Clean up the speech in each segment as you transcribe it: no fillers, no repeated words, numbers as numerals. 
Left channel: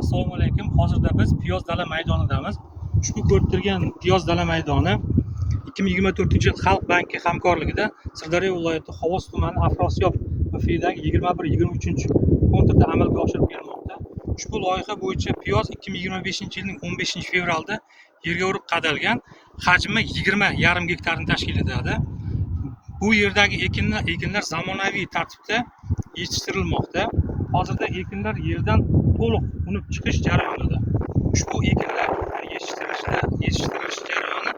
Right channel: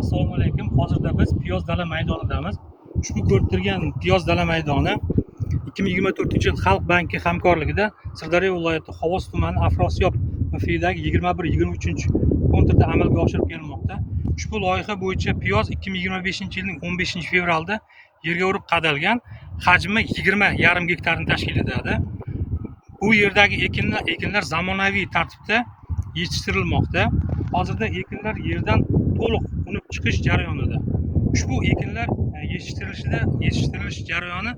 Assalomu alaykum. Hozirda biz piyoz dala maydonidamiz. Ushbu ko'rib turgan piyoz dala maydoni 2024-yil Xalq banki hamkorligida Sirdaryo viloyati Xovos tumani Afrosiyob MFIdagi 21-23-konturda amalga oshirib kelinmoqda. Ushbu loyiha bo'yicha piyoz 2025-yilning 15-fevralda yerga urib qadalgan, hajmi 20,5 gektarni tashkil etadi. Bu yerdagi ekinlar zamonaviy tartibda yetishtirilmoqda. Hozirda ekinlar yerdan to'liq unib chiqish jarayonida. Ushbu ekinlar yetishtirilish jarayoni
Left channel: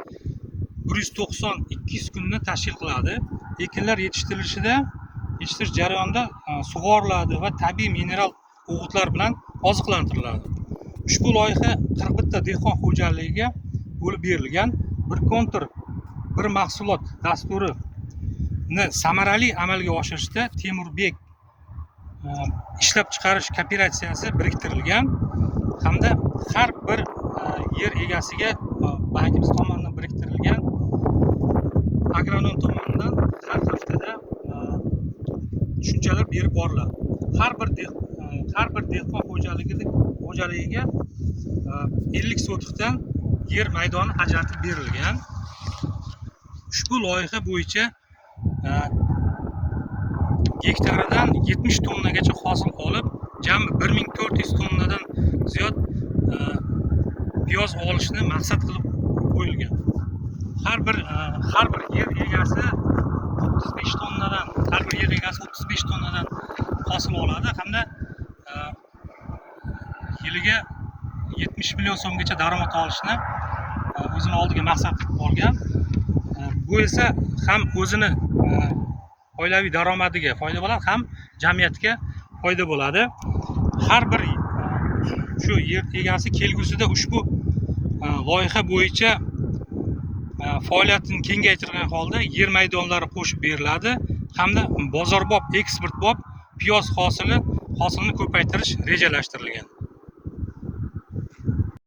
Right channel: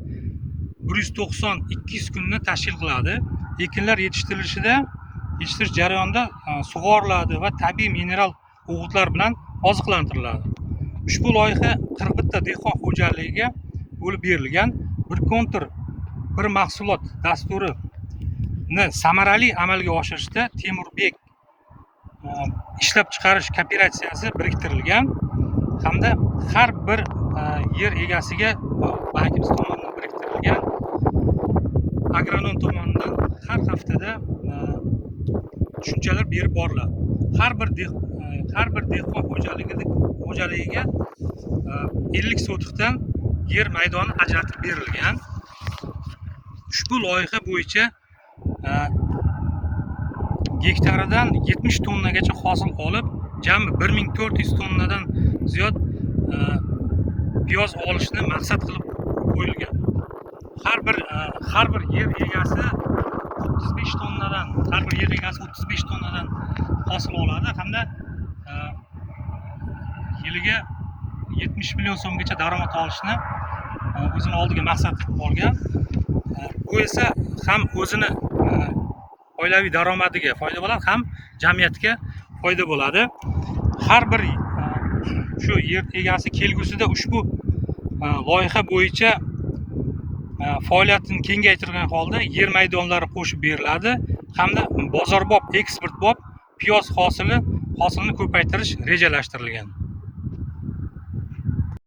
190-200 kunni tashkil qiladi. Ekinlar yetishtirish jarayonida sug'oriladi va tabiiy mineral o'g'itlar bilan oziqlantiriladi. Ushbu loyiha 41 ta dehqon xo'jaligiga bo'lib berilgan. Bir kontur, bir mahsulot dasturini samarali amalga oshirishda Temurbek ishlab chiqarish kooperatsiyasi biriktirilgan hamda har bir yer egasiga bankimiz tomonidan biriktirilgan agronom tomonidan har haftada tushunchalar berib boriladi. Har bir dehqon xo'jaligiga 50 sotikdan yer maydoni ajratib berilgan. Ushbu loyiha bo'yicha gektaridan 70 tonnagacha hosil olib, jami 1400 tonnadan ziyod piyoz olishni maqsad qilib qo'yilgan. Har bir yer egasi 35 tonnadan hosil oladi hamda yiliga 70 million so'mgacha daromad olishni o'zini oldiga maqsad qilib olgan. Bu esa ham o'zini oilaviy daromadiga foyda bo'ladi, ham jamiyatga foyda bo'ladi. Har bir shu yer egasi kelgusida ushbu loyiha bo'yicha faoliyatini kengaytirgan holda yer maydonlari qo'shib beriladi hamda bozorbop, eksportbop piyoz hosilini ko'paytirish rejalashtirilgan.